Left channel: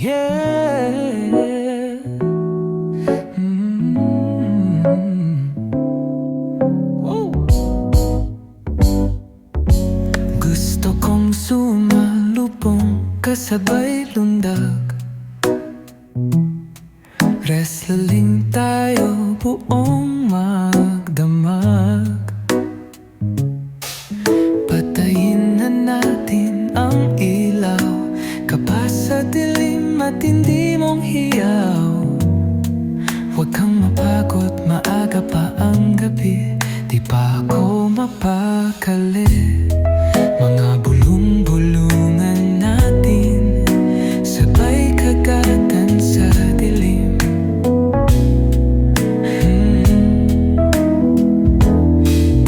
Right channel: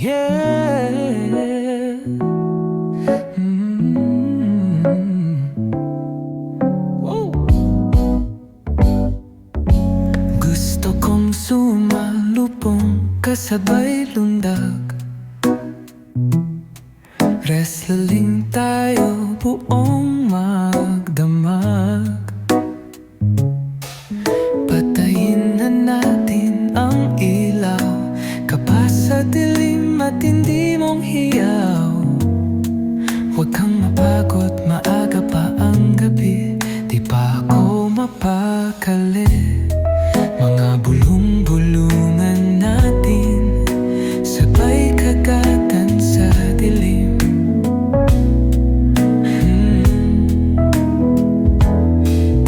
Yeah. Mm. Woo. Gusto kong sumalubong kasabay lundag. Wrestling tayo buong magdamag. Patayin na natin ang ilaw, kapas sa dilim at hindi mong hiyaw. Huwag kang mapagod, maaga pa ang gabi, di pa ako mapakali. Mga bulong-bulungan natin, sabay kagatan sa dilim.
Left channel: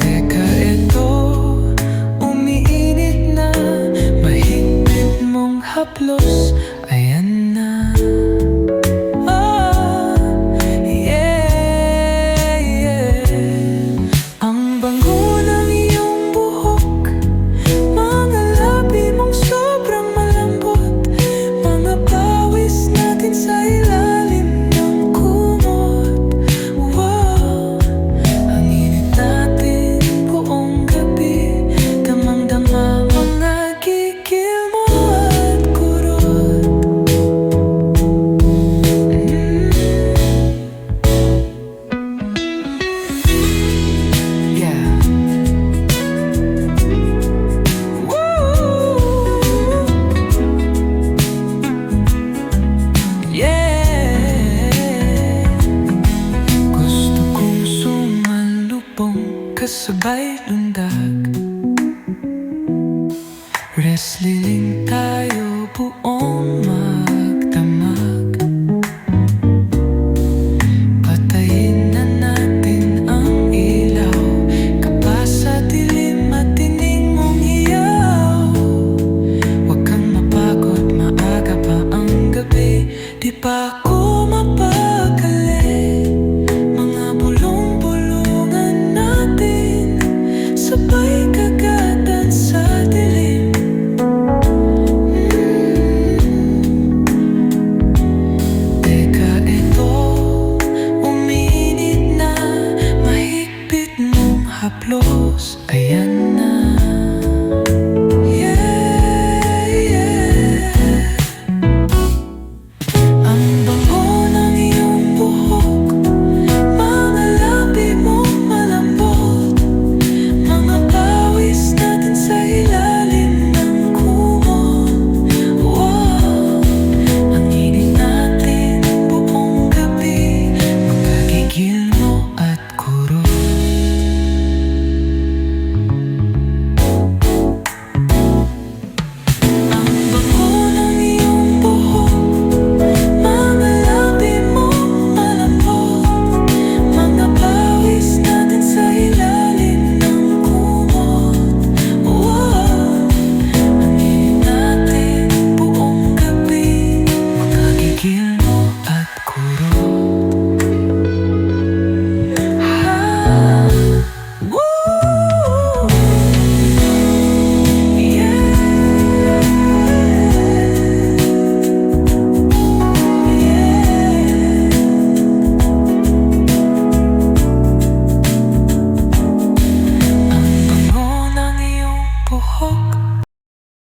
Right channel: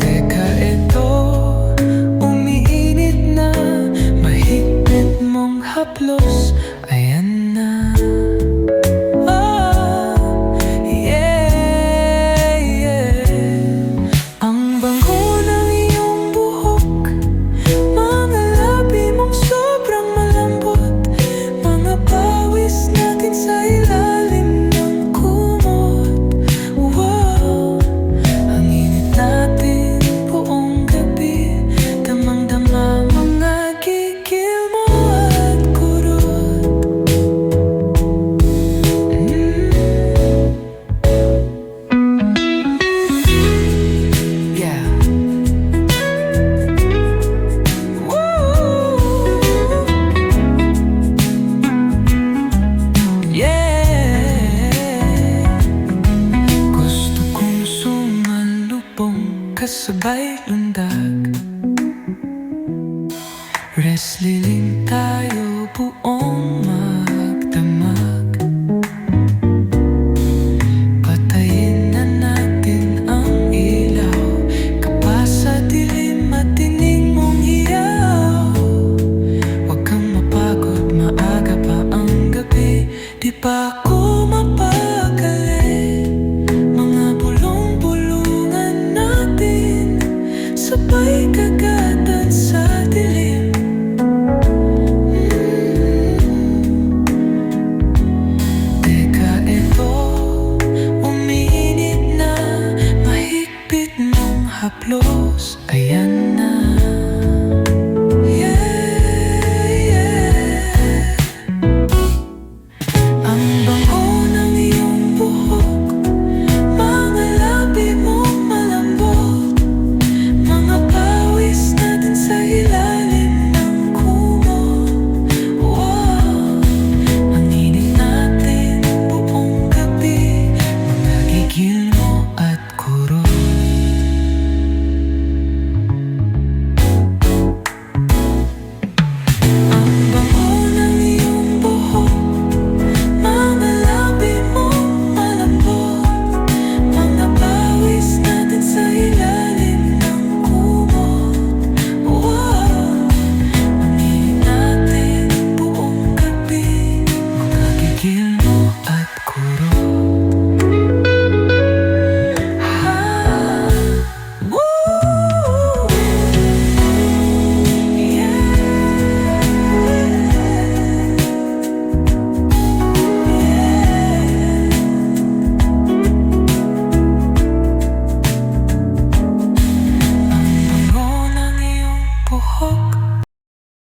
Teka, ito, umiinit na, mahigpit mong haplos, ayan na. Oh, yeah, yeah. Ang bango ng iyong buhok, mga labi mong sobrang malambot, mga pawis natin sa ilalim ng kumot. Wow, ang init natin buong gabi, damang-dama mga gigil mo at kurot. Yeah. Woo. Yeah. Gusto kong sumalubong kasabay lundag. Wrestling tayo buong magdamag. Patayin na natin ang ilaw, kapas sa dilim at tining mong hiyaw. Huwag kang mapagod, maaga pa ang gabi, di pa ako